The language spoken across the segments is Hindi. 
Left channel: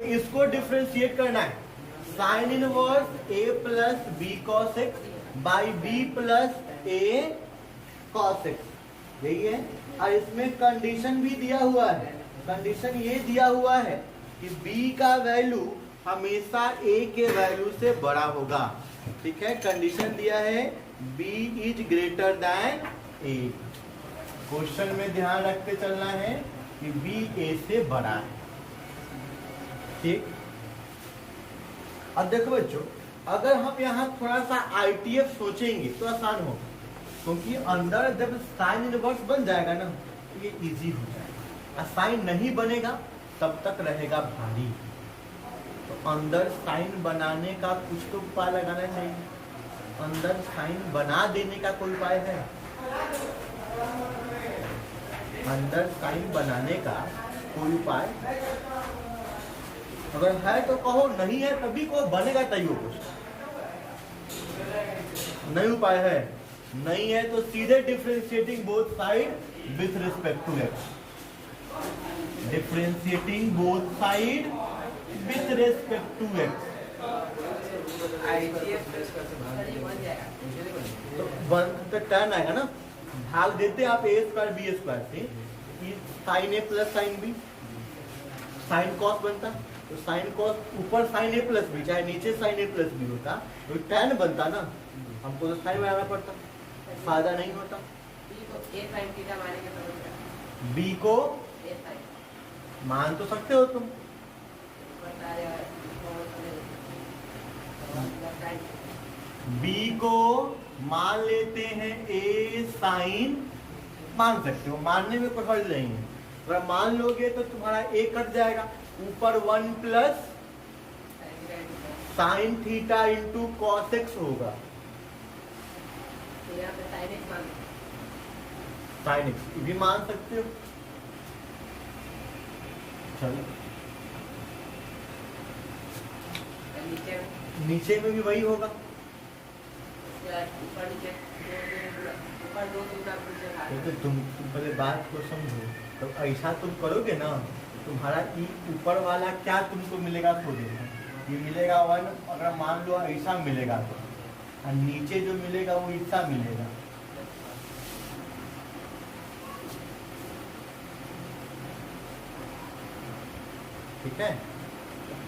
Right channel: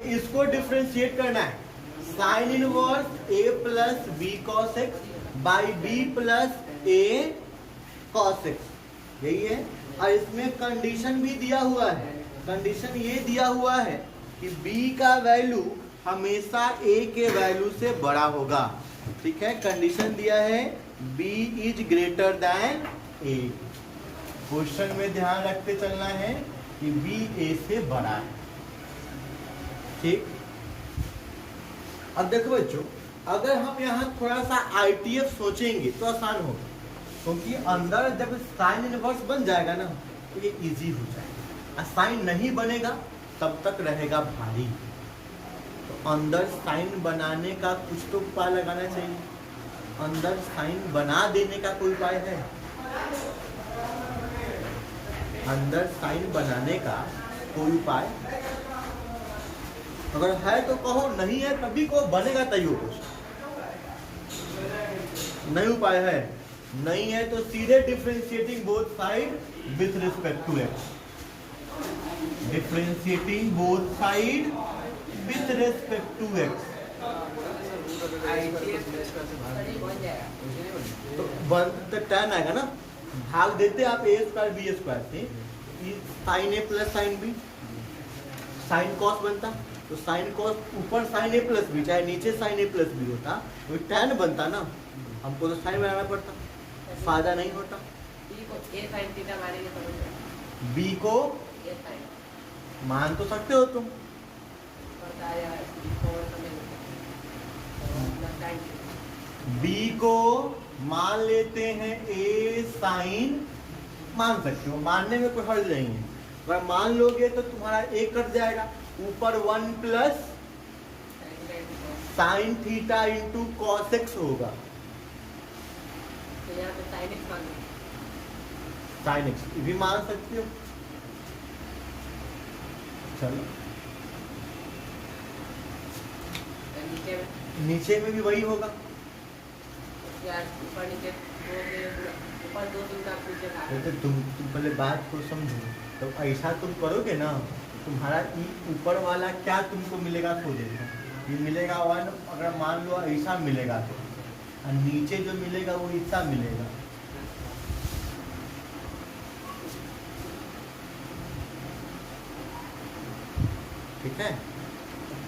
इसको डिफ्रेंशिएट करना है। Sign inverse a plus b cos x by b plus a cos x, यही है। और इसमें कंडीशन भी दिया हुआ है। कंडीशन ये दिया हुआ है कि b का वैल्यू हमेशा a के वैल्यू से बड़ा होगा। ठीक है, कंडीशन दिया है b is greater than a। Question में ध्यान रख के चलना है कि b a से बड़ा है। ठीक, अब देखो बच्चों, अगर हम यहाँ थोड़ा सा ITF सोचेंगे तो आसान होगा, क्योंकि अंदर जब साइन इनवर्स बन जाएगा ना तो ये इजी हो जाएगा। साइन नहीं बनेगा तब तक रहेगा भारी। तो अंदर साइन बनाने का कुछ तो उपाय लगाना चाहिए। अंदर साइन बना देने का कोई उपाय है? अंदर साइन बनाने का कोई उपाय अगर है तो कहो, नहीं है तभी को बनेगा तैयो कुछ नहीं उपाय है। नहीं है तो सीधे differentiating both side with respect to x. Differentiating both side with respect to x तो वन तक टर्न आएगा ना। भाग देते आप ए स्क्वायर बी स्क्वायर से, sine a plus sine b, sine cos बनता तो साइन कॉस ऊपर साइन ए प्लस बी, चाहे नीचे साइन ए प्लस बी होता तो टैन बनता ना। हमको तो साइन बनाना पड़ता, फायदा नहीं होता। बी को मान तो सकते हो तुम, बी को मान लेते हैं ए साइन, मान सकते हो, मानने में कोई हर्ज नहीं है। अगर मान लोगे तो तुम्हारा ए कट जाएगा, ऊपर 1 plus sine theta into cos x होगा। साइन एक्स भी मान सकते हो। चलो नीचे में भी वही होगा। तो तुम पहले बात को समझो। तो ऐसा तुम करोगे ना, तुम्हारा ई ऊपर वाला क्या तुमको मिलेगा तो देखो, ये मिलेगा 1, अगर मान लो ऐसा मिलेगा तो, और नीचे जो मिलेगा वो ऐसा मिलेगा। ठीक है,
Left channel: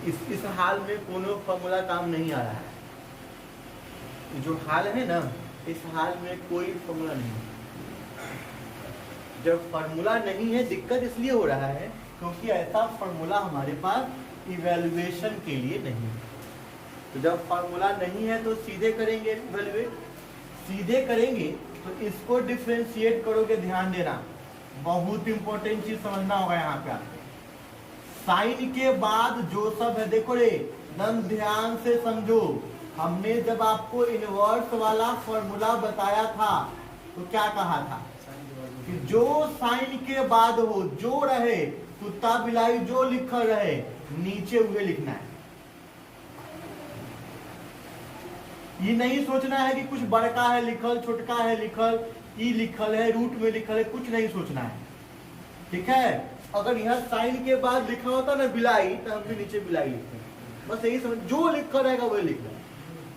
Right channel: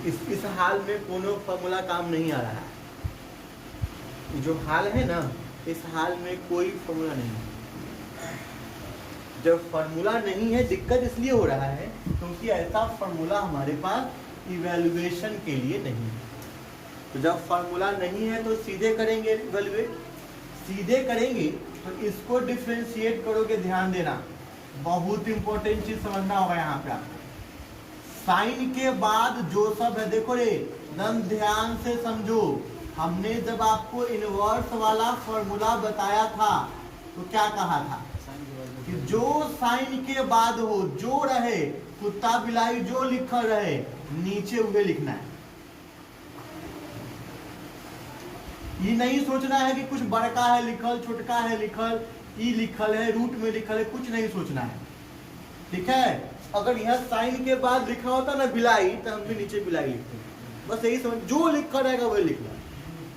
इस हाल में कोनो फॉर्मूला काम नहीं आ रहा है। जो हाल है ना, इस हाल में कोई फॉर्मूला नहीं है। जब फॉर्मूला नहीं है, दिक्कत इसलिए हो रहा है क्योंकि ऐसा फॉर्मूला हमारे पास इवैल्यूएशन के लिए नहीं है। तो जब फॉर्मूला नहीं है तो सीधे करेंगे इवैल्यूएट, सीधे करेंगे तो इसको डिफरेंशिएट करोगे। ध्यान देना, बहुत इंपॉर्टेंट चीज समझना होगा यहाँ पे आपको। साइन के बाद जो सब है, देखो रे एकदम ध्यान से समझो। हमने जब आपको इनवर्स वाला फॉर्मूला बताया था तो क्या कहा था कि जो साइन के बाद हो, जो रहे, कुत्ता बिलाई जो लिखल रहे, नीचे उन्हें लिखना है। ये नहीं सोचना है कि कुछ बड़का है लिखल, छोटका है लिखल, ई लिखल है, रूट में लिखल है, कुछ नहीं सोचना है। ठीक है, अगर यहाँ साइन के बाद लिखना होता ना बिलाई, तो हम भी नीचे बिलाई लिखते हैं। बस यही समझ, जो लिखा रहेगा वही लिखना,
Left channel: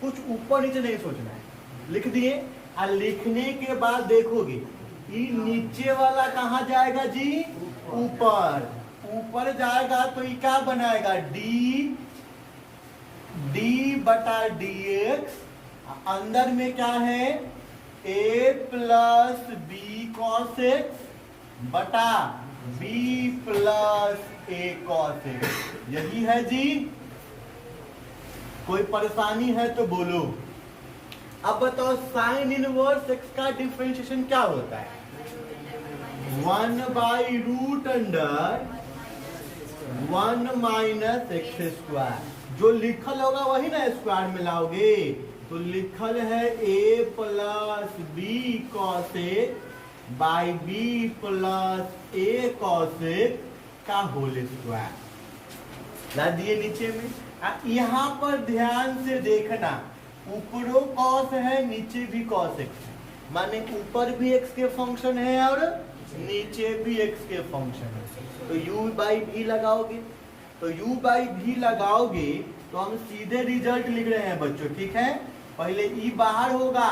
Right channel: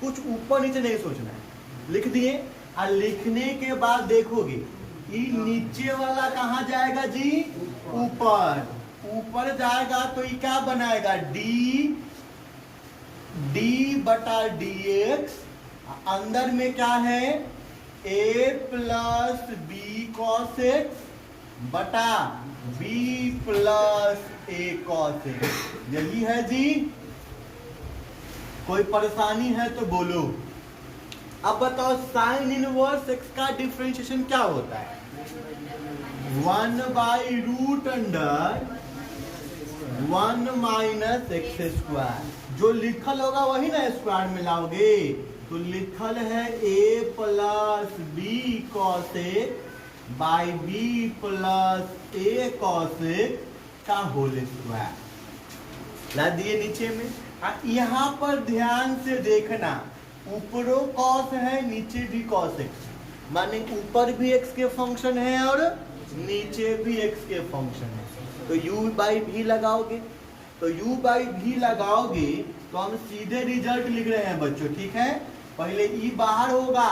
कुछ ऊपर नीचे नहीं सोचना है। लिख दिए, और लिखने के बाद देखोगे ये नीचे वाला कहाँ जाएगा जी? ऊपर। ऊपर जाएगा तो ये क्या बनाएगा? डी बटा डी एक्स। अंदर में क्या है? A plus b cos x बटा B plus a cos x. यही है जी। कोई परेशानी है तो बोलो। अब बताओ साइन इनवर्स एक्स का डिफरेंशिएशन क्या होता है? 1 by root under 1 minus x square. जो लिखल होगा वही ना स्क्वायर में लाओगे। तो लिखल है a plus b cos a by b plus a cos a का होल स्क्वायर। ला दिए नीचे में। यहाँ पर ध्यान से देखना, ऊपरों कॉस है, नीचे भी कॉस एक्स, माने ऊपर भी एक्स के फंक्शन है और नीचे भी एक्स के फंक्शन है। तो u बाई भी लगाओगे तो u बाई v लगाओगे तो हम सीधे रिजल्ट लिख रहे हैं बच्चों, ठीक है। पहले e बाहर होगा,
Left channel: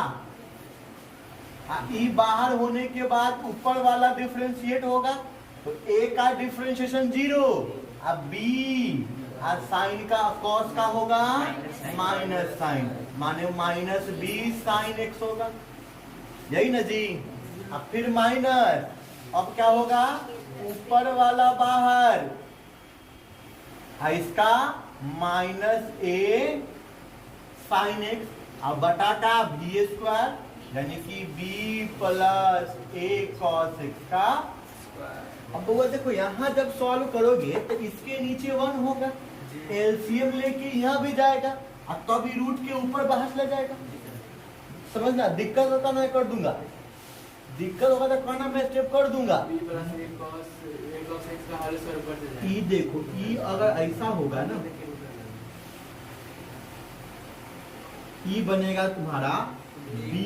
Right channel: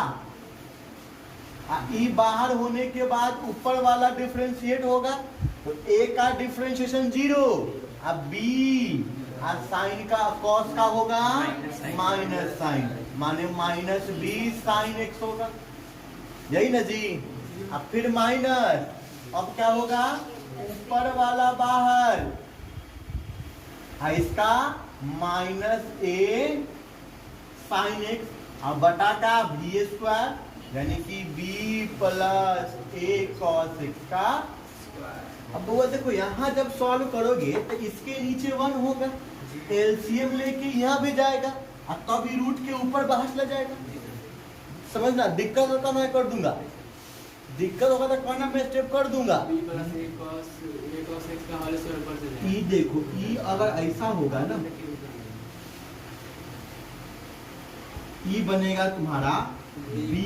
e बाहर होने के बाद ऊपर वाला डिफरेंशिएट होगा, तो a का डिफरेंशिएशन 0, अब b साइन का कॉस का होगा माइनस साइन, माने माइनस बी साइन एक्स होगा, यही ना जी। अब फिर माइनस, अब क्या होगा, ऊपर वाला बाहर, इसका माइनस ए साइन एक्स, अब बटा का बी स्क्वायर, यानी कि b plus a cos x का। अब वो देखो यहाँ जब सॉल्व करोगे तो इसके नीचे 1 होगा, एलसीएम लेके यहाँ भी जाएगा, अब तभी रूट के ऊपर बाहर चला जाएगा। समझना, दिक्कत होता मैं कर दूंगा, दिक्कत होगा तो कहना मैं स्टेप कर दूंगा। ई देखो, ई अगर ऐसा होगा ना, ई बनेगा तुम्हारा b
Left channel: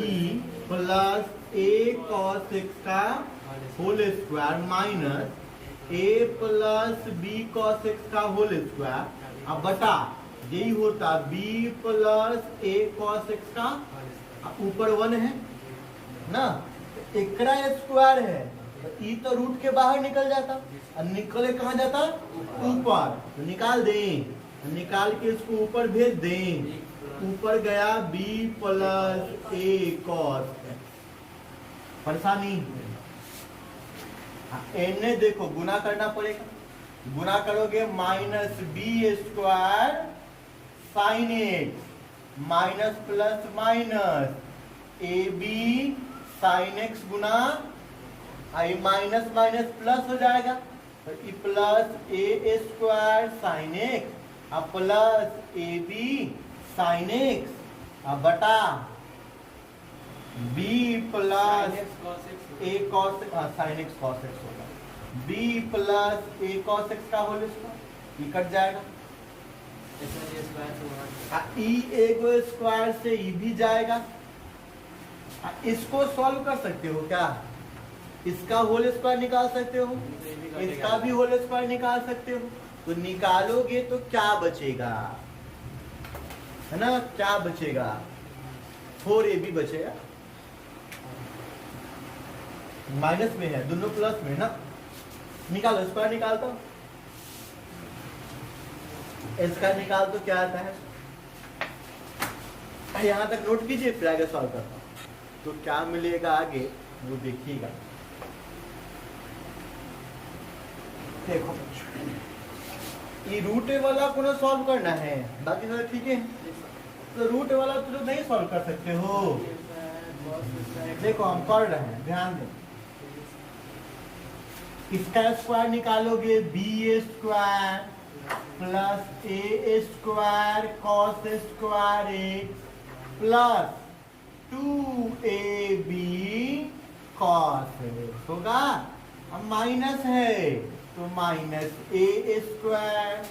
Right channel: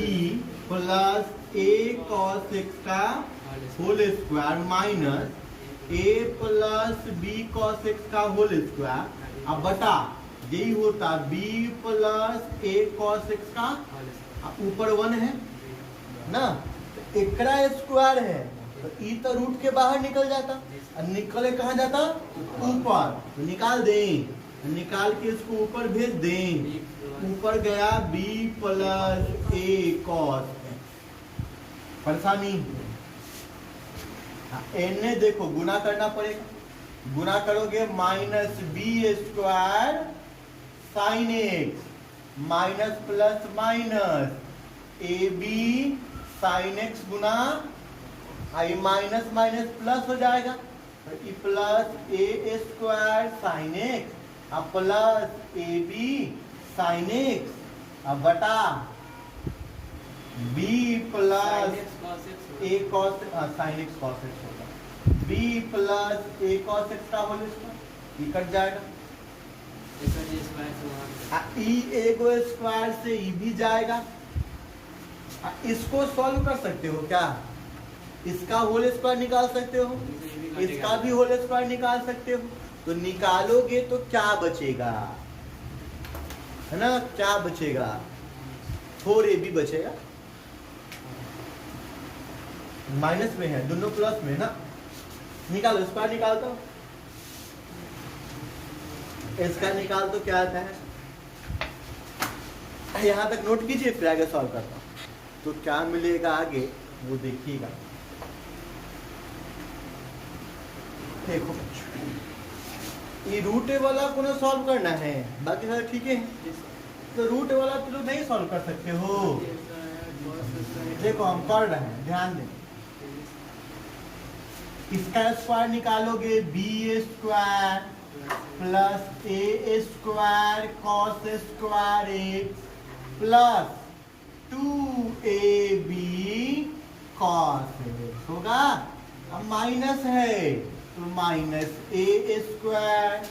plus a cos x का होल स्क्वायर माइनस ए प्लस बी कॉस एक्स का होल स्क्वायर, अब बटा यही होता b plus a cos x का, ऊपर 1 है ना, एकड़ा स्क्वायर है, तो ई तो रूट के बाहर निकल जाता, और निकले कहाँ जाता, ऊपर, तो निकाल दें, तो निकाल के इसको ऊपर भेज दें, ऊपर गया b प्लस ए कॉस, परेशानी। एन देखो गुना करना पड़ेगा, गुना करोगे minus b square sine x minus plus minus a b sine x गुना आई माइनस माइनस प्लस हो जाएगा, तो ई plus a square sine x अब plus a b sine x, अब बटा b plus a cos sine x cos x होगा, b plus a cos x का होल स्क्वायर, ये कट जाएगा, ई एक स्क्वायर से ई भी जाएगा। इसको सॉल्व कर सकते हो क्या, इसका होल स्क्वायर निकाल सकते हो, इसका भी होल स्क्वायर निकाल सकते हो, तो निकालोगे तो क्या बचेगा, है ना, क्या बचेगा, 4ab बचेगा, माइनस में है, दोनों प्लस में ना, निकालो स्क्वायर निकालता हूं, इसका निकाल तो क्या आता है, यहां तक नोट कीजिए, फिर आगे सॉल्व करता हूं, तो क्या मिलेगा आगे वो देखिएगा। देखो ये रूट वाला को ना सॉल्व करना है, बाकी सब ठीक है, तो रूट वाला तो नहीं सॉल्व कर सकते हो, देखो हम कर रहे हैं, ध्यान दें, इसका स्क्वायर निकालोगे b square plus a square cos square x plus 2ab cos x होगा, अब माइनस है तो minus a square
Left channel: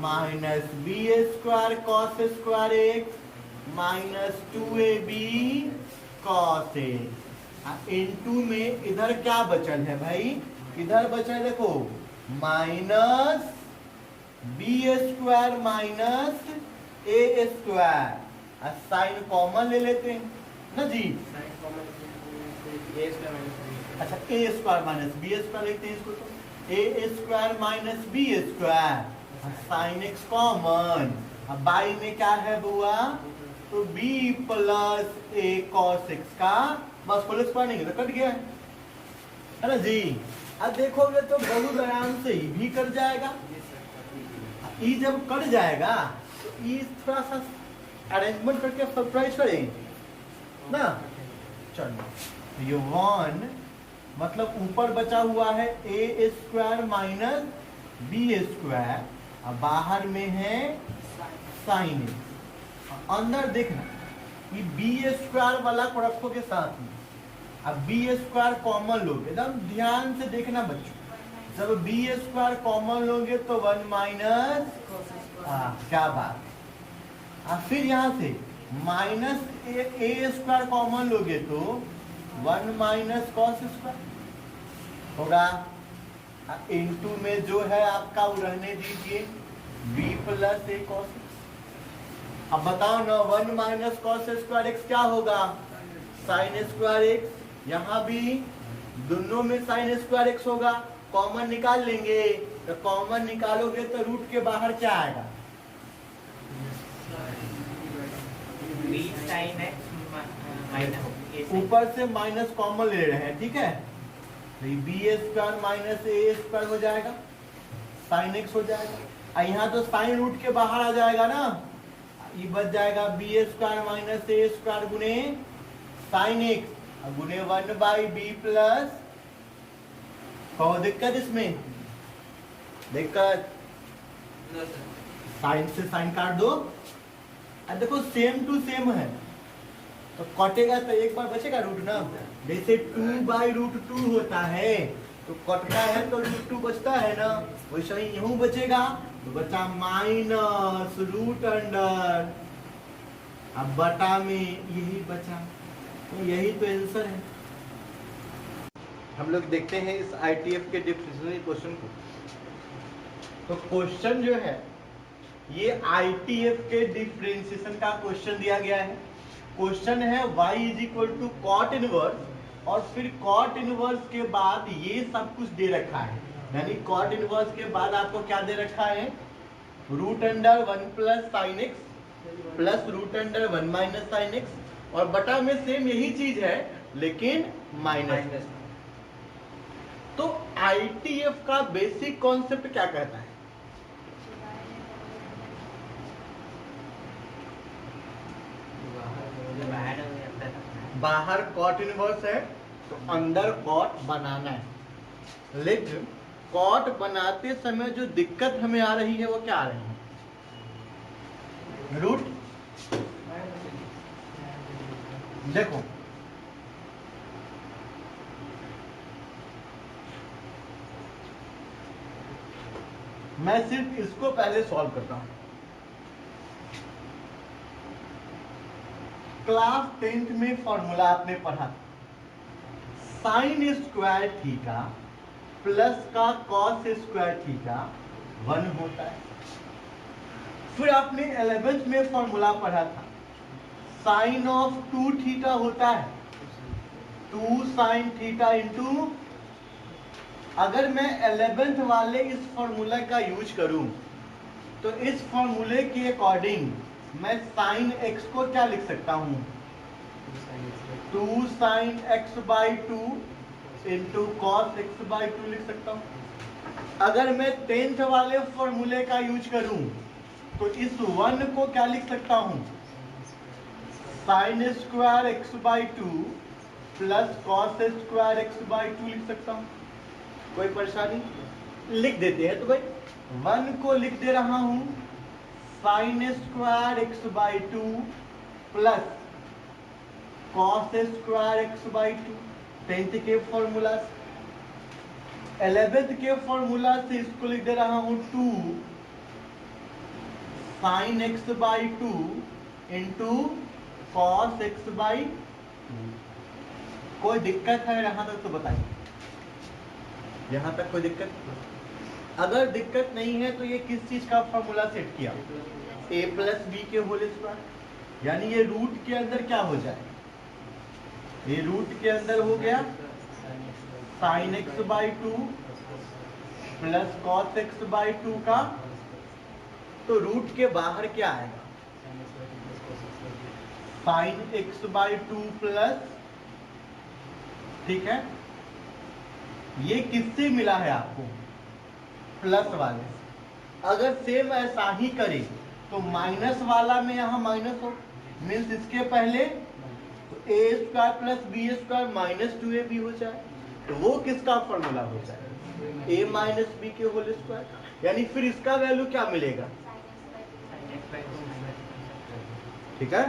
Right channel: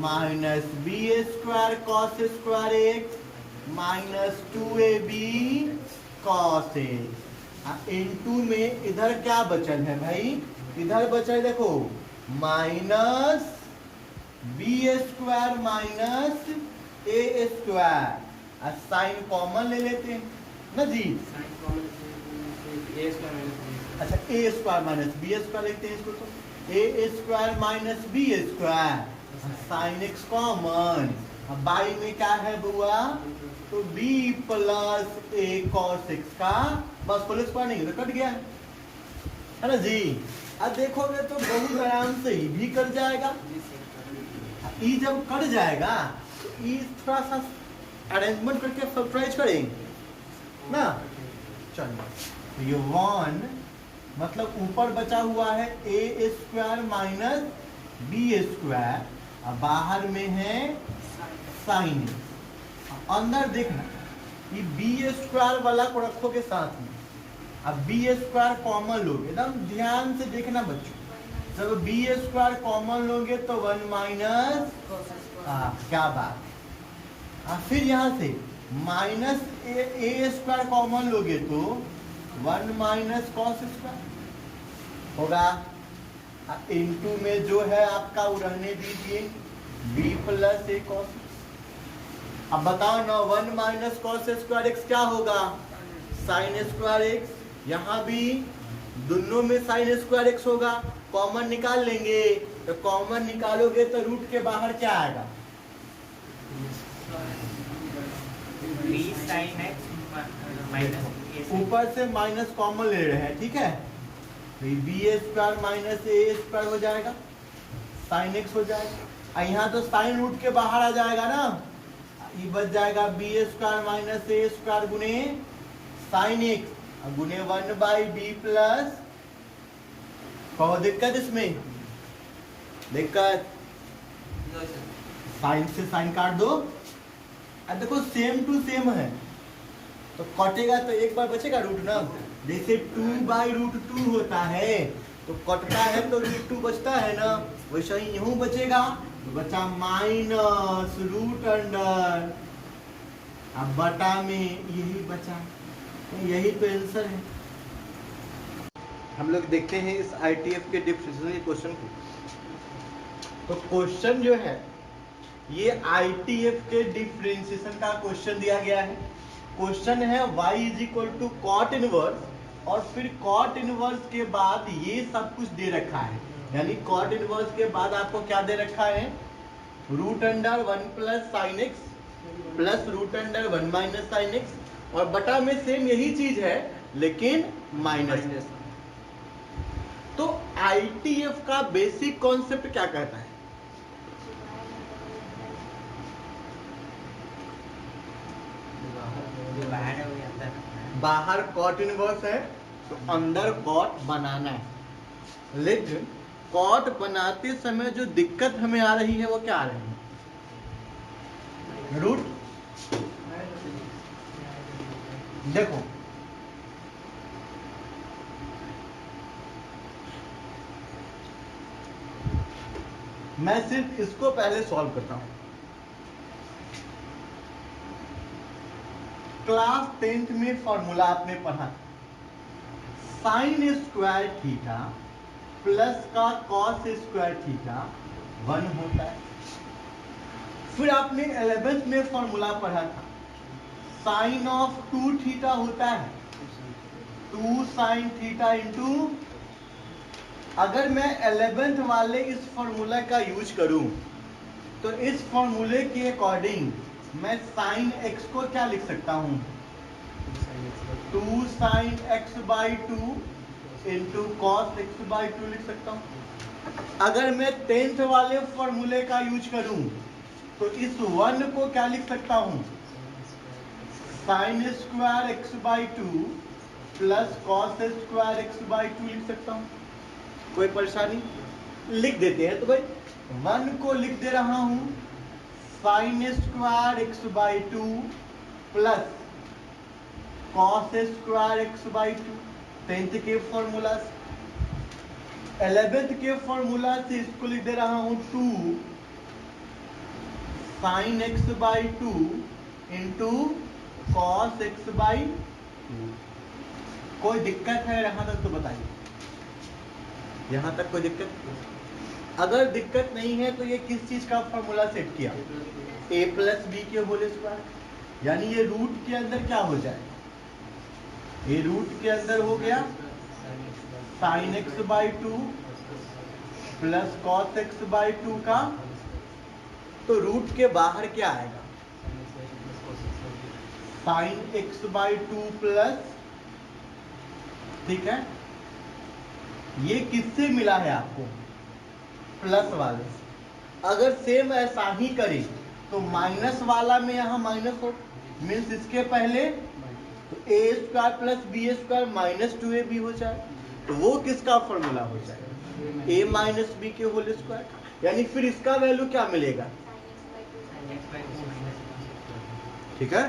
minus b square cos square x minus 2ab cos x, into में इधर क्या बचल है भाई, इधर बचा है देखो minus b square minus a square, sine common ले लेते हैं ना जी, अच्छा a square minus b square लिखते हैं इसको, तो a square minus b square sine x common, अब बाई में क्या है बुआ, तो b plus a cos x का, बस होल स्क्वायर नहीं तो कट गया है ना जी। अब देखोगे तो बहुत आराम से ई भी कट जाएगा, ई जब कट जाएगा तो ई थोड़ा सा अरेंजमेंट करके सरप्राइज करेंगे ना, चलो ये 1 मतलब ऊपर बचा हुआ है ए स्क्वायर माइनस बी स्क्वायर, और बाहर में है साइन, अंदर देखना ये बी स्क्वायर वाला को रखोगे साथ में, अब बी स्क्वायर कॉमन लोगे, एकदम ध्यान से देखना बच्चों, जब बी स्क्वायर कॉमन लोगे तो 1 माइनस, क्या बात, फिर यहाँ से माइनस ए स्क्वायर कॉमन लोगे तो 1 माइनस कॉस स्क्वायर होगा, इनटू में जो है आपका वो रहने दीजिए b प्लस ए कॉस। अब बताओ ना 1 माइनस कॉस स्क्वायर एक्स क्या होगा? Sign square x. यहाँ भी दोनों में साइन स्क्वायर एक्स होगा, कॉमन निकाल लेंगे। तो कॉमन निकालोगे तो रूट के बाहर क्या आएगा? ऊपर से माइनस कॉमन ले रहे हैं, ठीक है। B square minus a square हो जाएगा, साइन एक्स हो जाएगा। यहाँ तो साइन रूट के बाहर आ जाएगा ना, ये बच जाएगा B square minus a square गुने साइन एक्स गुने 1 बाई बी प्लस। बहुत दिक्कत इसमें, दिक्कत साइन से साइन काट दो। अब देखो सेम टू सेम है तो कटेगा तो एक बार बचेगा रूट ना। जैसे 2 बाई रूट 2 होता है तो कटता है तो रूट 2 बचता है ना, वैसे ही यूं बचेगा तो बचा माइनस रूट अंडर, अब बटा में यही बचा। तो यही तो आंसर है। हम लोग देखते हैं इस ITF के डिफरेंशियल क्वेश्चन को। तो क्वेश्चन जो है ये ITF के डिफरेंशिएशन का क्वेश्चन दिया गया है। क्वेश्चन है y is equal to cot inverse और फिर कॉट इनवर्स के बाद ये सब कुछ दे रखा है। यानी कॉट इनवर्स के बाद आपको क्या दे रखा है? Root under 1 plus sine x plus root under 1 minus sine x और बटा में सेम यही चीज है लेकिन माइनस। तो ITF का बेसिक कॉन्सेप्ट क्या कहता है? बाहर कॉट इनवर्स है तो अंदर कॉट बनाना है। लेकिन कॉट बनाते समय जो दिक्कत हमें आ रही है वो क्या आ रही है? रूट। देखो मैं सिर्फ इसको पहले सॉल्व करता हूं। क्लास 10th में फॉर्मूला आपने पढ़ा था, साइन स्क्वायर थीटा प्लस का कॉस स्क्वायर थीटा 1 होता है। फिर आपने 11th में फॉर्मूला पढ़ा था, साइन ऑफ 2 थीटा होता है 2 साइन थीटा इंटू। अगर मैं 11th वाले इस फॉर्मूला का यूज करूं तो इस फॉर्मूले के अकॉर्डिंग मैं साइन एक्स को क्या लिख सकता हूं? 2 sign x by 2 into cos x by 2 लिख सकता हूं। अगर मैं 10th वाले फॉर्मूले का यूज करूं तो इस 1 को क्या लिख सकता हूं? Sign square x by 2 plus cos square x by 2 लिख सकता हूं। कोई परेशानी? लिख देते हैं। तो भाई 1 को लिख दे रहा हूं sign square x by 2 plus cos square x by 2 10th के फॉर्मूला से। 11th के फॉर्मूला से इसको लिख दे रहा हूं 2 sign x by 2 into cos x by 2। कोई दिक्कत है यहां तक तो बताइए, यहां तक कोई दिक्कत? अगर दिक्कत नहीं है तो ये किस चीज का फॉर्मूला सेट किया? a प्लस बी के होल स्क्वायर। यानी ये रूट के अंदर क्या हो जाए? ये रूट के अंदर हो गया sign x by 2 plus cos x by 2 का। तो रूट के बाहर क्या आएगा? साइन एक्स बाई 2 प्लस, ठीक है। ये किससे मिला है आपको? प्लस वाले। अगर सेम ऐसा ही करें तो माइनस वाला में यहाँ माइनस हो, मीन्स इसके पहले तो a square plus b square minus 2ab हो जाए। तो वो किसका फॉर्मूला हो जाए? a माइनस बी के होल स्क्वायर। यानी फिर इसका वैल्यू क्या मिलेगा? ठीक है,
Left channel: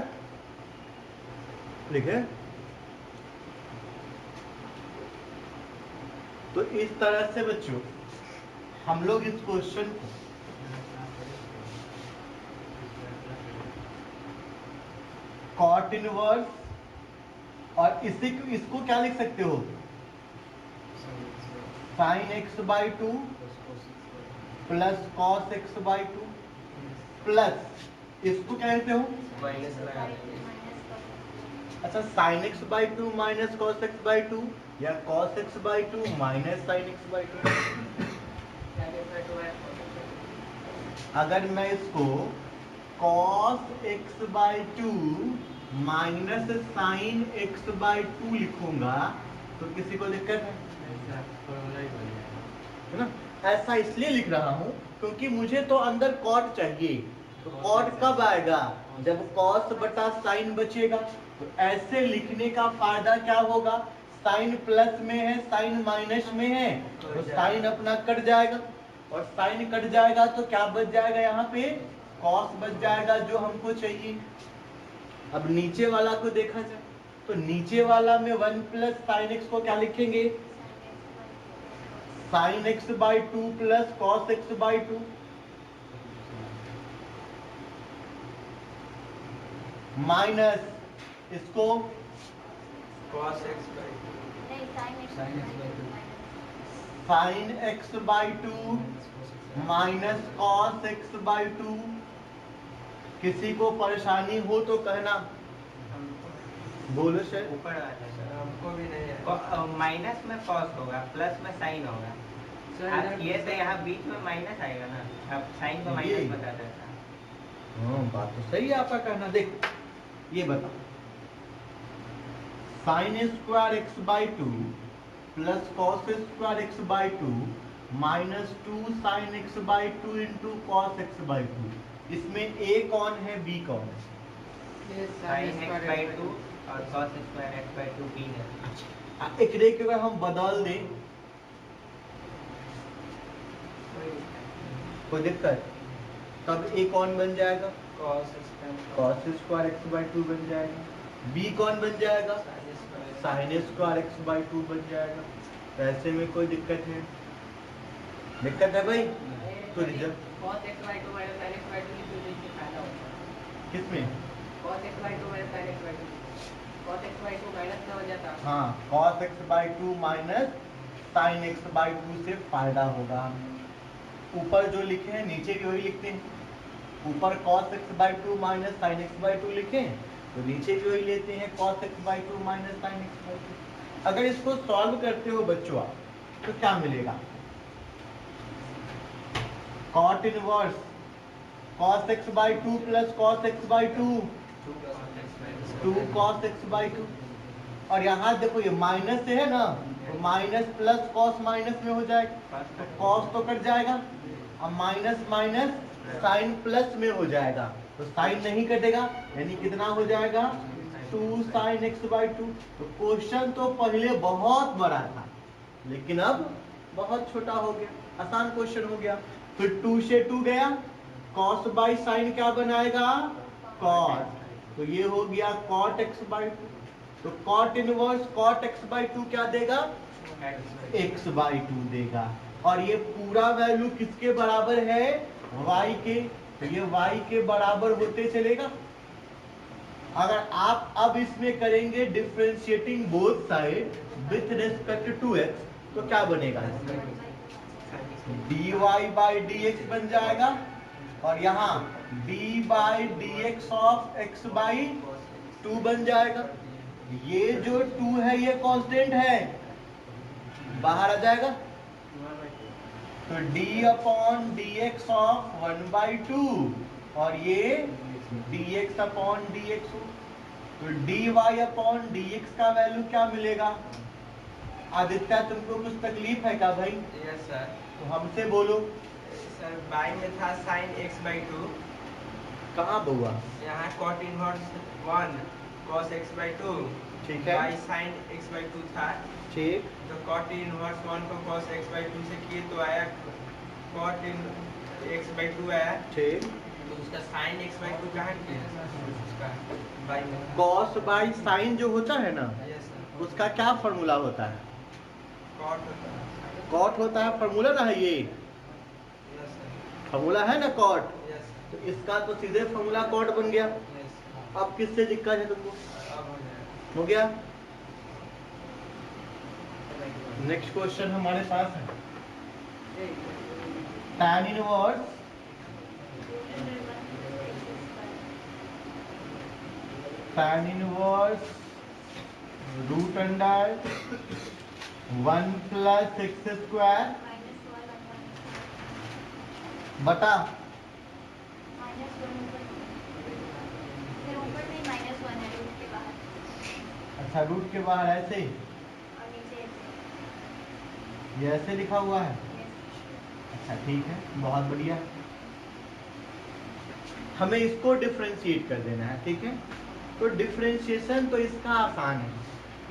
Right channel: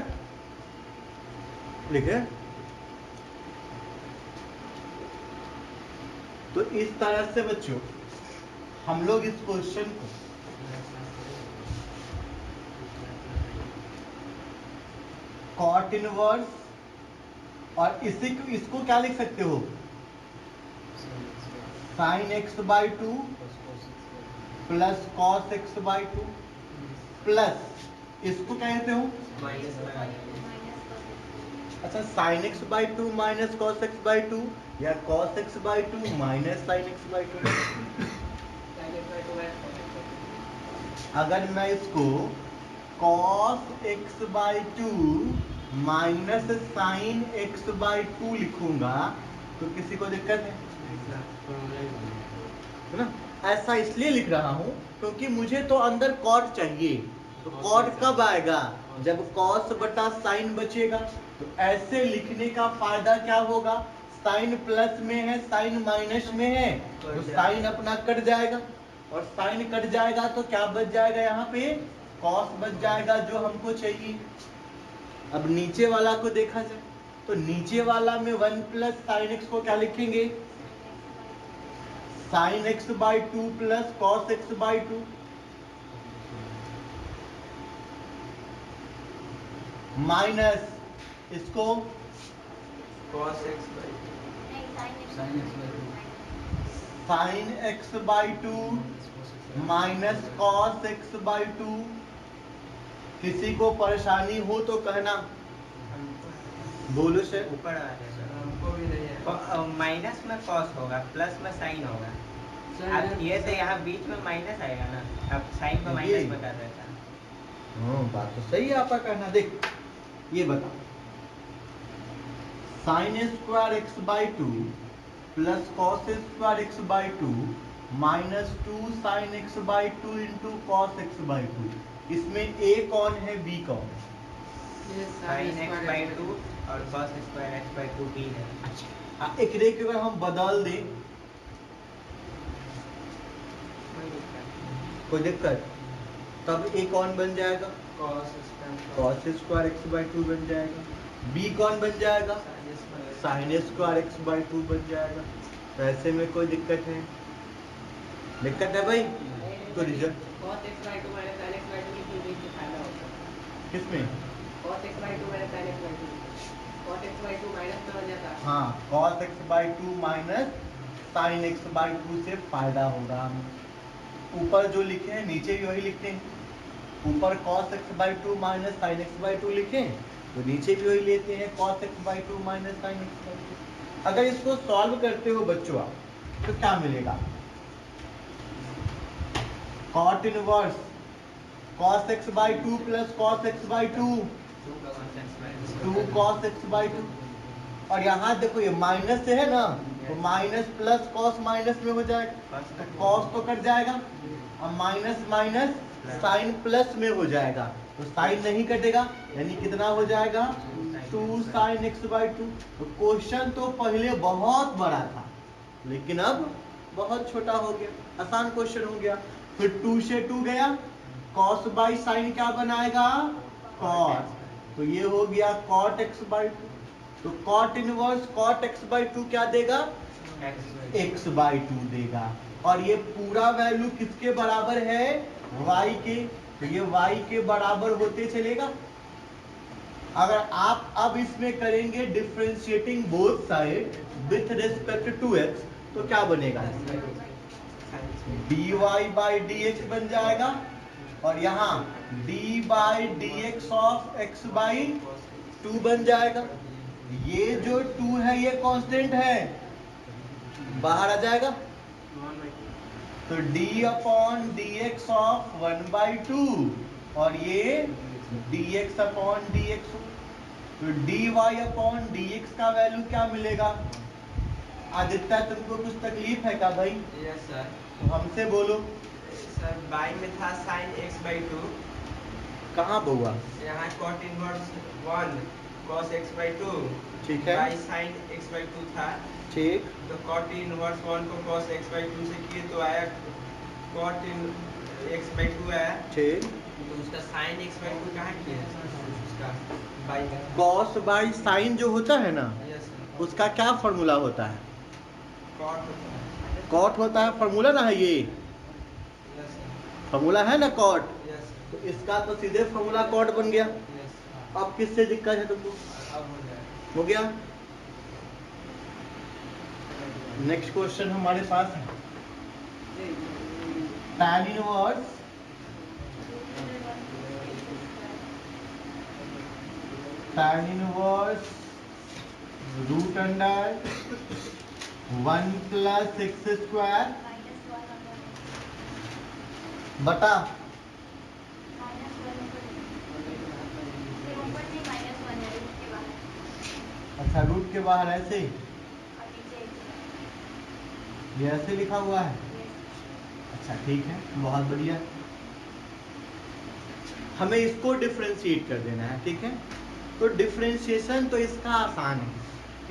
लिखे। तो इस तरह से बच्चों हम लोग इस क्वेश्चन को कॉट इनवर्स और इसको क्या लिख सकते हो? Sine x by two plus cos x by two plus इसको कहते हो अच्छा sine x by two minus cos x by two या cos x by two minus sine x by two. अगर मैं इसको cos x by two minus sine x by two लिखूंगा तो किसी को दिक्कत है ना? ऐसा इसलिए लिख रहा हूं क्योंकि मुझे तो अंदर कॉट चाहिए। तो कॉट कब आएगा? जब कॉस बटा साइन बचेगा। तो ऐसे लिखने का फायदा क्या होगा? साइन प्लस में है, साइन माइनस में है, तो साइन अपना कट जाएगा और साइन कट जाएगा तो क्या बच जाएगा? यहाँ पे कॉस बच जाएगा जो हमको चाहिए। अब नीचे वाला को देखा जाए तो नीचे वाला में 1 प्लस साइन एक्स को क्या लिखेंगे? Sign x by two plus cos x by two minus इसको cos x by sign x by two minus cos x by to. किसी को परेशानी हो तो कहना, बोलो से ऊपर आ जाए सर, हमको भी नहीं है। माइनस में cos होगा, प्लस में साइन होगा। अब ये तो यहाँ बीच में माइनस आएगा ना, अब साइन को माइनस बता देता। हाँ बात तो सही है आपका कहना। देख ये बताओ sine square x by two plus cos square x by two minus two sine x by two into cos x by two. इसमें ए कौन है, बी कौन है? साइन एक्स बाई टू और cos square x by two b है। एक रे के अगर हम बदल दें कोई दिक्कत? तब ए कौन बन जाएगा? cos square x by to बन जाएगा। बी कौन बन जाएगा? Sign square x by to बन जाएगा। तो ऐसे में कोई दिक्कत है? दिक्कत है भाई? तो result cos x by 2 minus sin x by 2 की वजह से फायदा होता है। किसमें? cos x by 2 minus sin x by 2 cos x by 2 minus में हो जाता है। हाँ cos x by two minus sine x by to से फायदा होगा। ऊपर जो लिखे हैं नीचे भी वही लिखते हैं। ऊपर cos x by two minus sine x by to लिखे तो नीचे भी वही लेते हैं cos x by two minus sine x by two. अगर इसको सॉल्व करते हो बच्चों तो क्या मिलेगा? cot inverse cos x by two plus cos x by two 2 cos x by two. और यहाँ देखो ये माइनस से है ना, तो माइनस प्लस cos माइनस में हो जाएगा तो cos तो कट जाएगा। अब माइनस माइनस साइन प्लस में हो जाएगा तो साइन नहीं कटेगा, यानी कितना हो जाएगा? 2 साइन एक्स बाई टू। तो क्वेश्चन तो पहले बहुत बड़ा था लेकिन अब बहुत छोटा हो गया, आसान क्वेश्चन हो गया। फिर 2 से 2 गया, cos बाई साइन क्या बनाएगा? cos। तो ये हो गया cot x बाई टू। तो cot inverse cot x by two क्या देगा? x बाई टू देगा। और ये पूरा वैल्यू किसके बराबर है? y के। तो ये y के बराबर होते चलेगा। अगर आप अब इसमें करेंगे differentiating both side with respect to x तो क्या बनेगा? dy बाई dx बन जाएगा और यहाँ d by dx of x by two बन जाएगा। ये जो 2 है ये कांस्टेंट है, बाहर आ जाएगा तो d upon dx of 1 by two और ये dx अपॉन dx। तो dy अपॉन dx का वैल्यू क्या मिलेगा? आदित्य तुमको कुछ तकलीफ है क्या भाई? Yes sir. तो हमसे बोलो। सर बाई में था साइन एक्स बाई टू, कहाँ बउआ? यहाँ cot inverse 1 cos x by two, ठीक है। By sine x by two था। ठीक। तो cot इनवर्स 1 को cos x बाई टू से किए तो आया cot x बाई टू आया। ठीक। तो उसका साइन x बाई टू कहाँ किया? उसका बाई में कॉस बाई साइन जो होता है ना यस सर, उसका क्या फॉर्मूला होता है? cot होता है। कॉट होता है, फॉर्मूला ना है ये, यस सर, फॉर्मूला है ना कॉट। यस तो इसका तो सीधे फॉर्मूला कॉट बन गया। यस। अब किससे दिक्कत है तुमको? अब हो जाएगा। हो गया। नेक्स्ट क्वेश्चन हमारे पास है tan inverse root under 1 plus x square बटा अच्छा रूट के बाहर ऐसे ये ऐसे लिखा हुआ है। अच्छा ठीक है, बहुत बढ़िया। हमें इसको डिफरेंशिएट कर देना है, ठीक है। तो डिफरेंशिएशन तो इसका आसान है।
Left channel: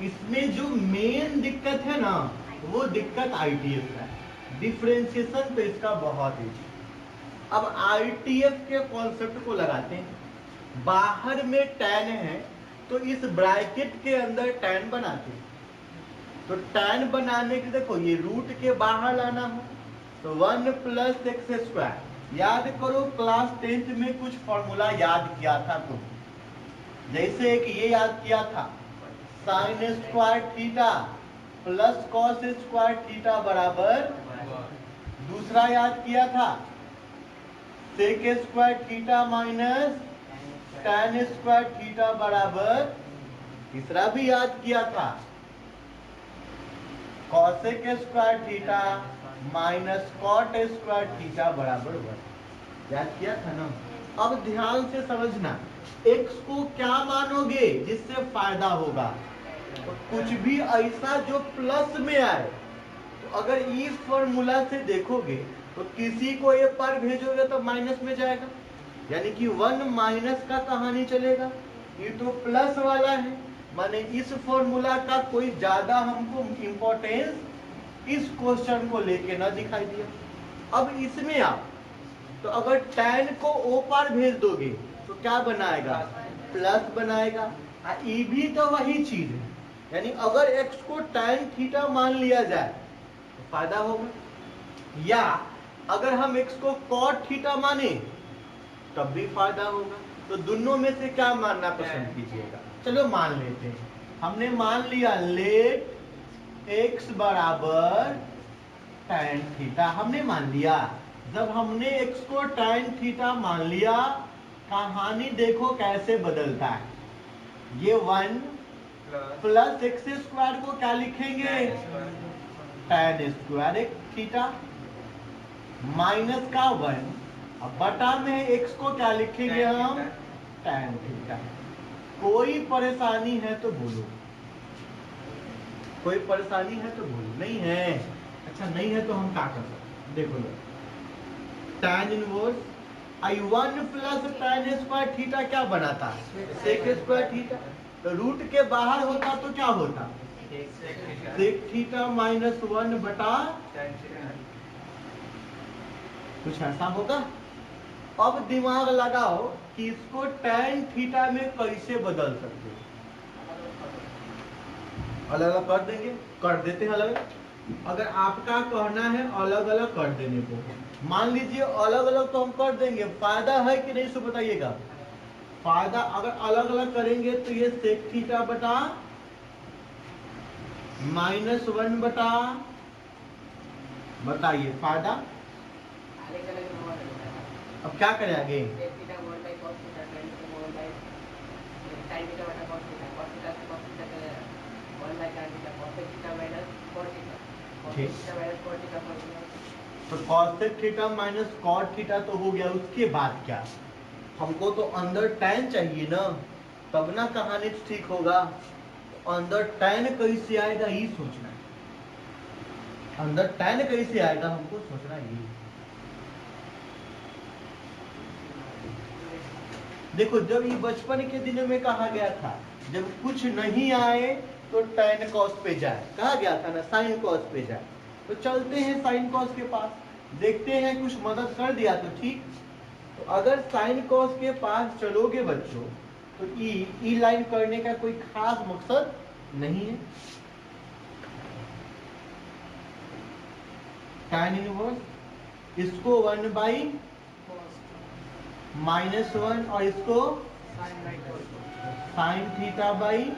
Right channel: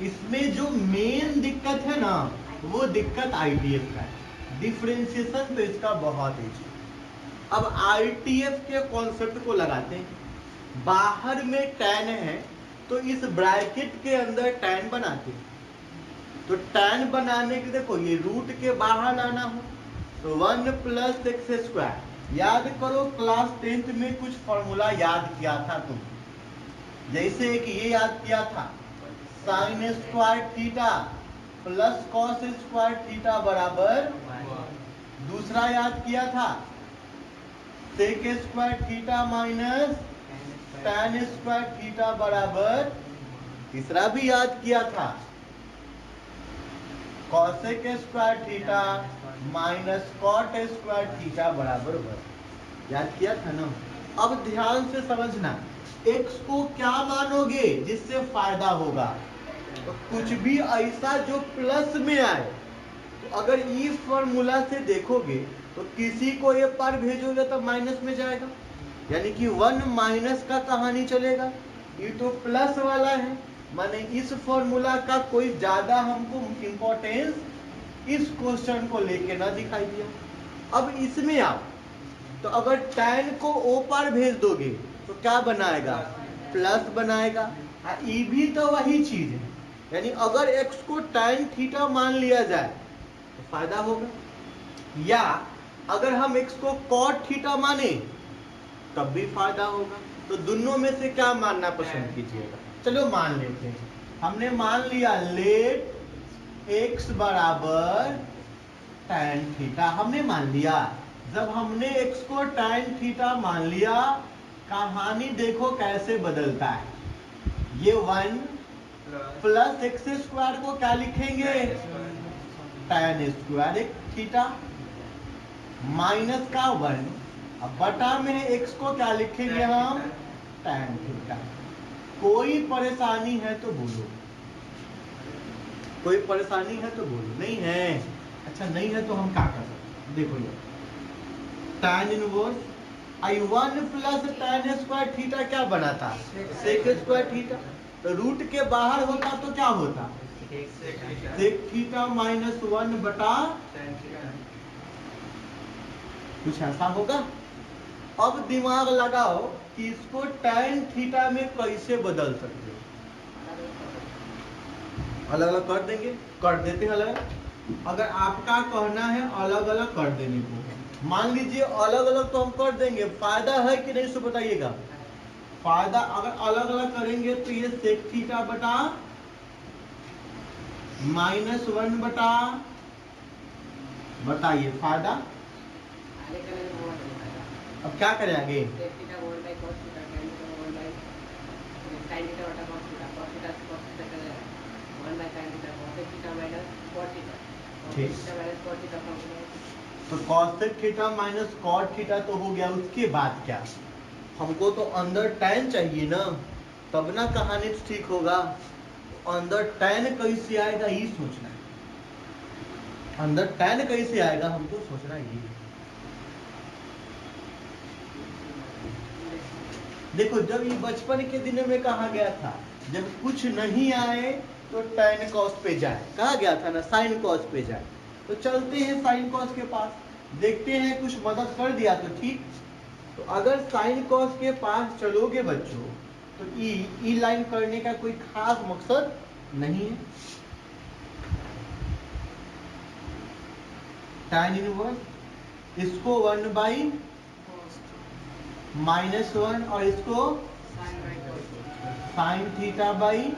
इसमें जो मेन दिक्कत है ना, वो दिक्कत आईटीएफ का है। डिफरेंशिएशन तो इसका बहुत इजी। अब आईटीएफ के कॉन्सेप्ट को लगाते हैं। बाहर में tan है तो इस ब्रैकेट के अंदर tan बनाते हैं। तो tan बनाने के देखो ये रूट के बाहर लाना हो तो 1 प्लस एक्स स्क्वायर। याद करो क्लास 10th में कुछ फॉर्मूला याद किया था तुम, जैसे कि ये याद किया था sine square theta plus cos square theta बराबर, दूसरा याद किया था sec square theta minus tan square theta बराबर, तीसरा भी याद किया था cosec square theta minus cot square theta बराबर 1। याद किया था ना। अब ध्यान से समझना, x को क्या मानोगे जिससे फायदा होगा। तो कुछ भी ऐसा जो प्लस में आए, तो अगर इस फॉर्मूला से देखोगे तो किसी को ये पर भेजोगे तो माइनस में जाएगा, यानी कि 1 माइनस का कहानी चलेगा। ये तो प्लस वाला है, माने इस फॉर्मूला का कोई ज्यादा हमको इम्पोर्टेंस इस क्वेश्चन को लेके ना दिखाई दिया। अब इसमें आप तो अगर tan को ओ पर भेज दोगे तो क्या बनाएगा, प्लस बनाएगा। ये भी तो वही चीज है, यानी अगर x को tan थीटा मान लिया जाए तो फायदा होगा, या अगर हम x को cot थीटा माने तब भी फायदा होगा। तो दोनों में से क्या मानना पसंद कीजिएगा। चलो मान लेते हैं, हमने मान लिया लेट x बराबर tan थीटा हमने मान लिया। जब हमने x को tan थीटा मान लिया, कहानी देखो कैसे बदलता है। ये 1 प्लस एक्स स्क्वायर को क्या लिखेंगे, tan स्क्वायर थीटा माइनस का 1, अब बटा में x को क्या लिखेंगे हम, tan थीटा। कोई परेशानी है तो बोलो, कोई परेशानी है तो बोलो। नहीं है, अच्छा नहीं है तो हम क्या कर सकते, देखो tan inverse I1 plus tan square theta क्या बना था, सेक स्क्वायर थीटा। तो रूट के बाहर होता तो क्या होता, सेक थीटा माइनस 1 बटा, कुछ ऐसा होगा। अब दिमाग लगाओ कि इसको tan थीटा में कैसे बदल सकते हैं। अलग अलग कर देंगे, कर देते हैं अलग। अगर आपका कहना है अलग अलग कर देने को, मान लीजिए अलग अलग तो हम कर देंगे, फायदा है कि नहीं सो बताइएगा। फायदा अगर अलग अलग करेंगे तो ये सेक थीटा बटा -1 बटा, बताइए फायदा। अब क्या करें आगे, तो cosec theta minus cot theta तो हो गया। उसके बाद क्या, हमको तो अंदर tan चाहिए ना, तब ना कहानी ठीक होगा। अंदर tan कैसे आएगा ये सोचना, अंदर tan कैसे आएगा हमको सोचना ये। देखो जब ये बचपन के दिनों में कहा गया था, जब कुछ नहीं आए तो tan cos पे जाए, कहा गया था ना sin cos पे जाए। तो चलते हैं sin cos के पास, देखते हैं कुछ मदद कर दिया तो ठीक। तो अगर sin cos के पास चलोगे बच्चों तो ई लाइन करने का कोई खास मकसद नहीं है। tan इनवर्स इसको 1/-1 और इसको sin थीटा बाई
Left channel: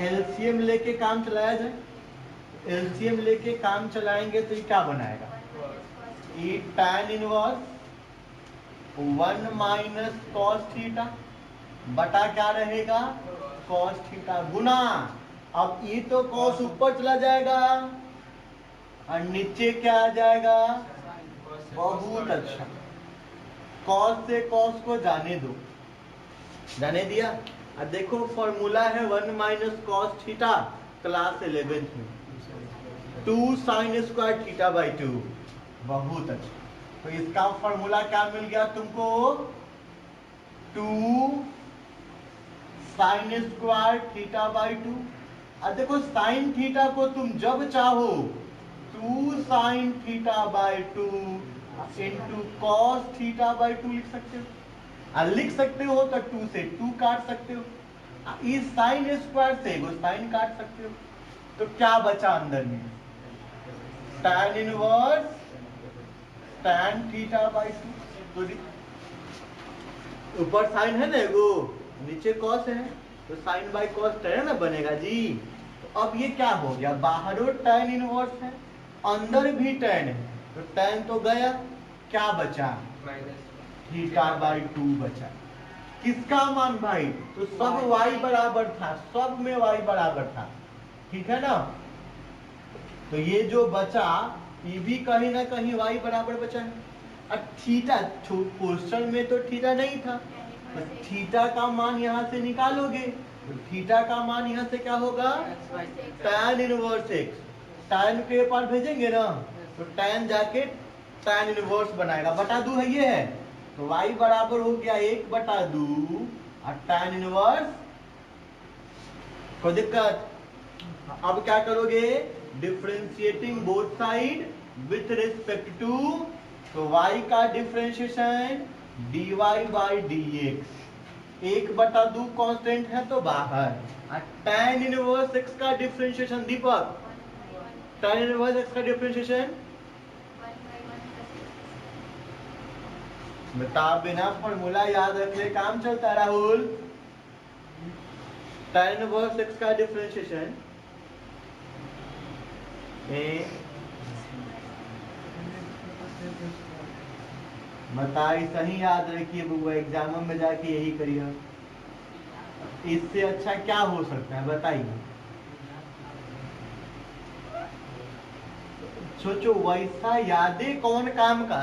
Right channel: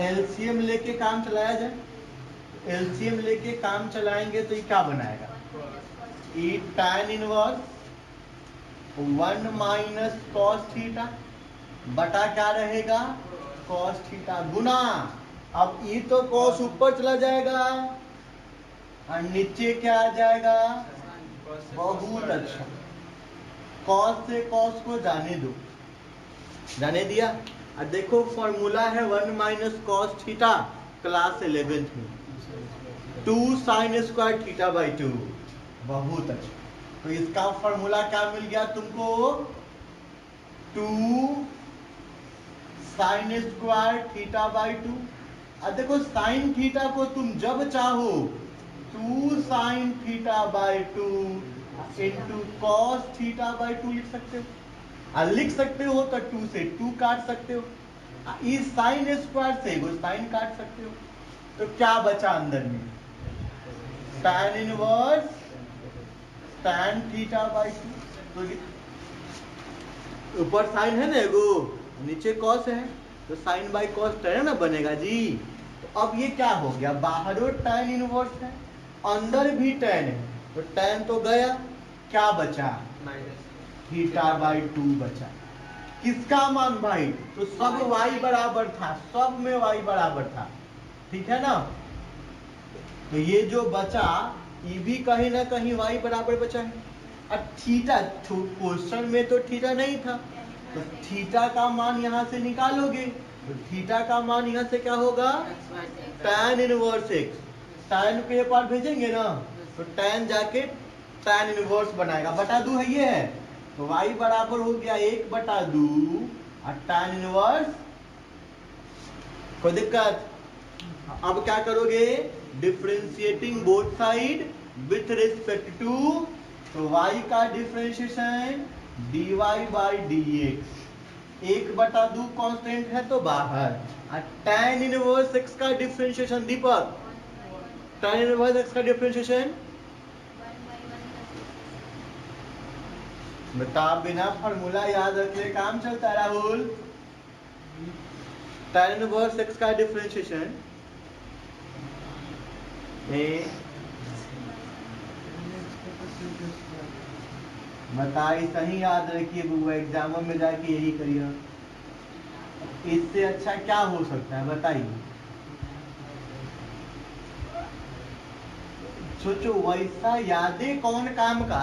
एलसीएम लेके काम चलाया जाए। एलसीएम लेके काम चलाएंगे तो ये क्या बनाएगा, ई tan inverse 1 minus cos theta बटा क्या रहेगा, कॉस थीटा गुना, अब ई तो कॉस ऊपर चला जाएगा और नीचे क्या आ जाएगा, बहुत अच्छा, कॉस से कॉस को जाने दो, जाने दिया। अब देखो फॉर्मूला है 1 minus cos theta class 11th में 2 साइन स्क्वायर थीटा बाई 2, बहुत अच्छा। तो इसका फॉर्मूला क्या मिल गया तुमको, 2 साइन स्क्वायर थीटा बाई 2। अब देखो साइन थीटा को तुम जब चाहो 2 sine theta by 2 into cos theta by 2 लिख सकते हो, और लिख सकते हो तो 2 से 2 काट सकते हो, इस साइन स्क्वायर से वो साइन काट सकते हो, तो क्या बचा अंदर में, tan inverse tan theta by 2। तो ऊपर साइन है ना एगो, नीचे कॉस है, तो साइन बाई कॉस tan ना बनेगा जी। तो अब ये क्या हो गया, बाहरों tan इनवर्स है, अंदर भी tan है, तो tan तो गया, क्या बचा, थीटा बाई 2 बचा। किसका मान भाई, तो सब y बराबर था, सब में y बराबर था, ठीक है ना। तो ये जो बचा ये भी कहीं ना कहीं y बराबर बचा है। अब थीटा क्वेश्चन में तो थीटा नहीं था, तो थीटा का मान यहाँ से निकालोगे, तो थीटा का मान यहाँ से क्या होगा, tan इनवर्स x, tan पे पार भेजेंगे ना, तो tan जाके tan इनवर्स बनाएगा, बटा 2 है ये है, तो y बराबर हो गया 1/2 और tan इनवर्स, कोई दिक्कत। अब क्या करोगे, differentiating both side with respect to, तो y का differentiation dy by dx, 1/2 constant है तो बाहर, और tan इनवर्स x का differentiation, Deepak tan inverse x का डिफरेंशिएशन बता, बिना फॉर्मूला याद रख ले काम चलता है राहुल। tan इनवर्स x का डिफरेंशिएशन बताइए, सही याद रखिए बुआ, एग्जामों में जाके यही करिए, इससे अच्छा क्या हो सकता है बताइए, सोचो वैसा यादें कौन काम का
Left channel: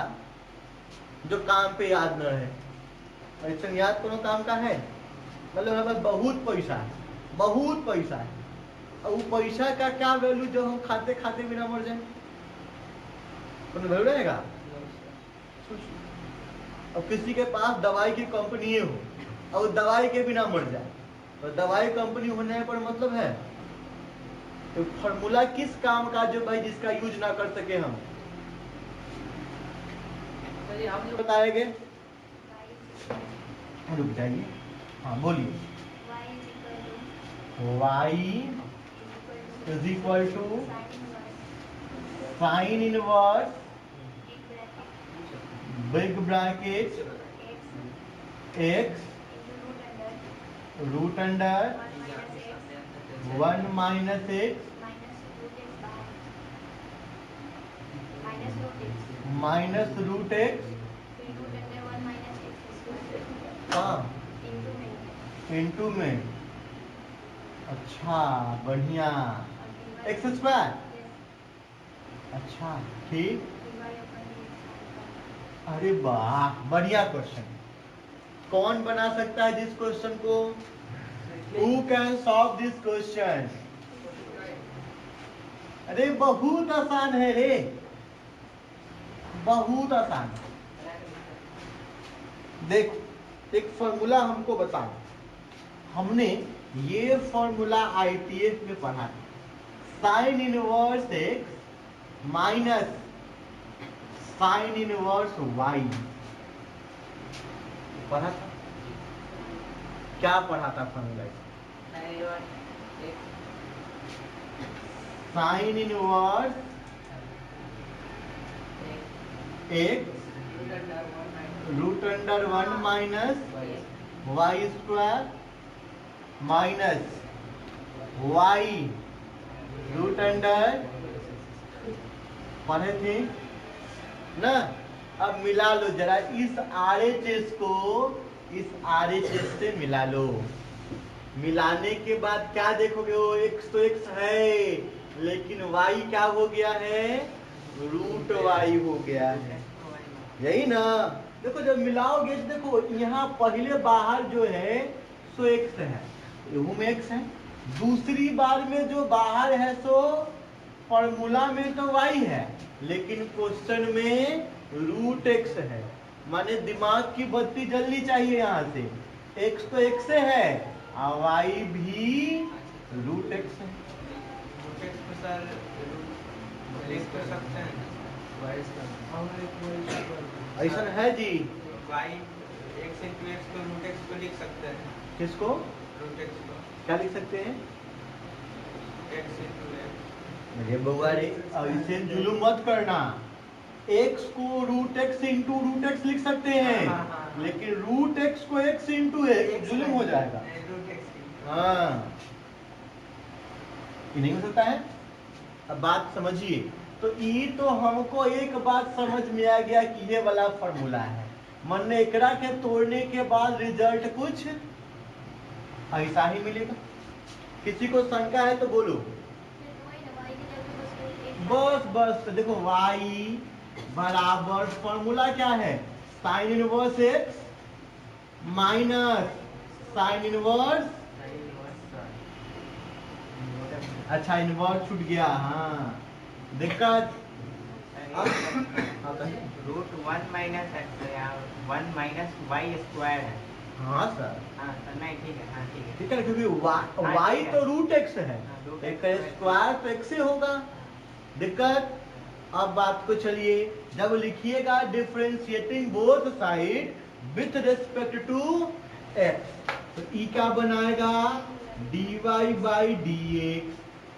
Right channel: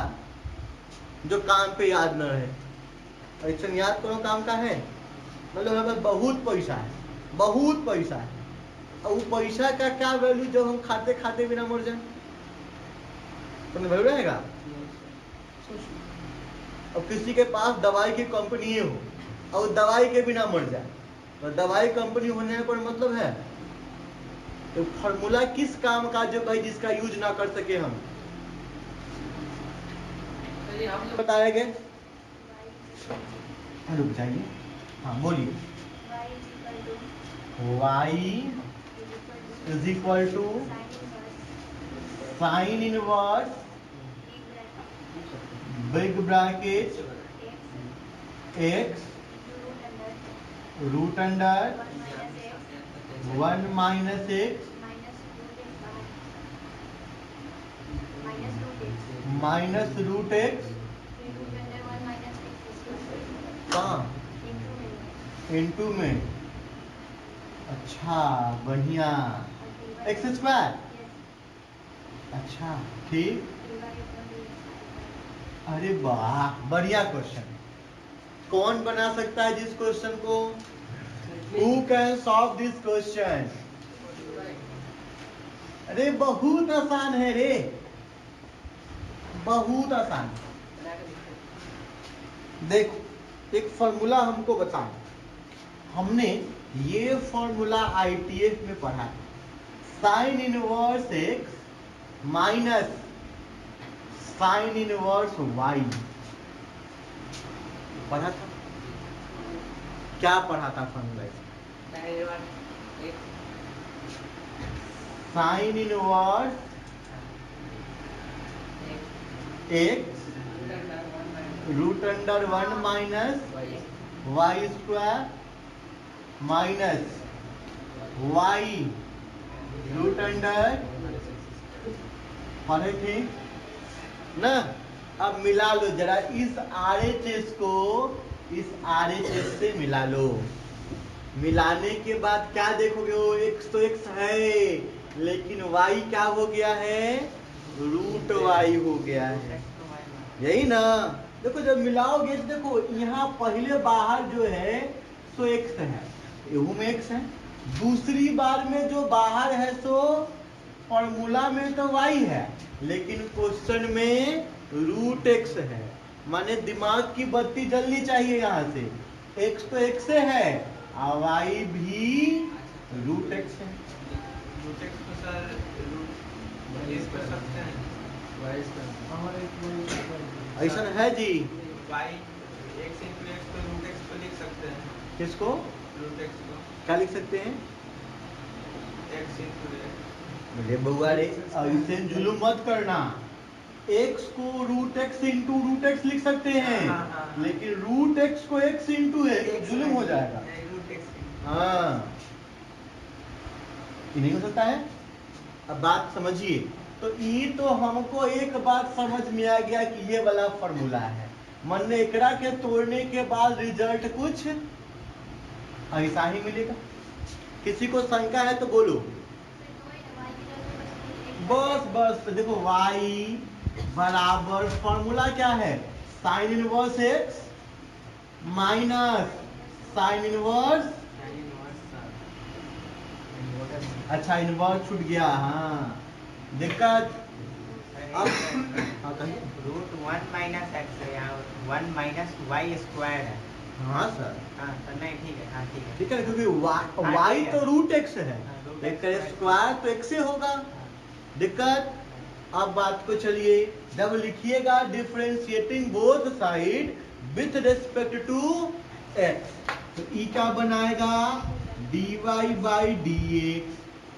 जो काम पे याद न रहे, ऐसा याद कौन काम का है, मतलब हमें बहुत पैसा है, बहुत पैसा है, और वो पैसा का क्या वैल्यू जब हम खाते खाते बिना मर जाए, तो वैल्यू रहेगा। और किसी के पास दवाई की कंपनी हो और दवाई के बिना मर जाए, तो दवाई कंपनी होने पर मतलब है, तो फॉर्मूला किस काम का जो भाई जिसका यूज ना कर सके हम बताएंगे, रुक जाइए, हाँ बोलिए, y is equal to sine inverse big bracket x root under 1 minus x minus root x, हाँ इंटू में, अच्छा बढ़िया, एक्स स्क्वायर, अच्छा ठीक, अरे वाह बढ़िया क्वेश्चन, कौन बना सकता है जिस क्वेश्चन को, who can solve this question, अरे बहुत आसान है रे, बहुत आसान। देखो एक फॉर्मूला हमको बताओ, हमने ये फॉर्मूला ITF में पढ़ा है, sign inverse x minus sine inverse y पढ़ा, क्या पढ़ा था formula, sine inverse x root under 1 minus y square minus y root under पढ़े थे ना। अब मिला लो जरा इस RHS को इस RHS से मिला लो। मिलाने के बाद क्या देखोगे, वो x तो x है, लेकिन y क्या हो गया है, रूट y हो गया है, यही ना। देखो जब मिलाओगे तो देखो यहाँ पहले बाहर जो है सो x है, यहू में x है, दूसरी बार में जो बाहर है सो फॉर्मूला में तो y है, लेकिन क्वेश्चन में रूट x है। माने दिमाग की बत्ती जलनी चाहिए यहाँ से, x तो x से है और y भी रूट x है। ऐसा है जी, किसको क्या लिख सकते हैं, मुझे बउआ रे ऐसे जुलूम मत करना। x को root x into root x लिख सकते हैं, लेकिन रूट x को x इंटू है, जुलूम हो जाएगा। हाँ, ये नहीं हो सकता है। अब बात समझिए, तो ये तो हमको एक बात समझ में आ गया कि ये वाला फॉर्मूला है। मन ने एकरा के तोड़ने के बाद रिजल्ट कुछ ऐसा ही मिलेगा। किसी को शंका है तो बोलो। बस बस, तो देखो y बराबर फॉर्मूला क्या है, sign inverse x minus sine inverse, अच्छा इनवर्स छूट गया। हाँ दिक्कत, रूट 1 माइनस एक्स है, 1 माइनस वाई स्क्वायर है। हाँ सर, हाँ तो नहीं ठीक है, हाँ ठीक है। ठीक है, क्योंकि y तो रूट x है, एक स्क्वायर तो x से होगा। दिक्कत, अब बात को चलिए, जब लिखिएगा differentiating both side with respect to x, तो ई क्या बनाएगा, dy बाई dx,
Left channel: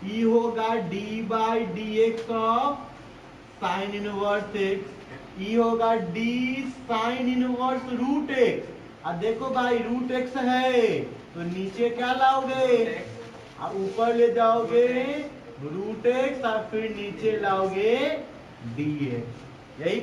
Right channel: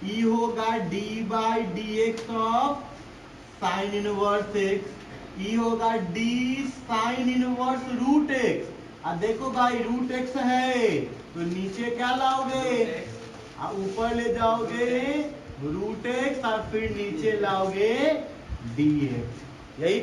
ई होगा d by dx of sine inverse x, ई होगा d sine inverse root x। अब देखो भाई रूट x है तो नीचे क्या लाओगे, ऊपर ले जाओगे रूट x और फिर नीचे लाओगे dx, यही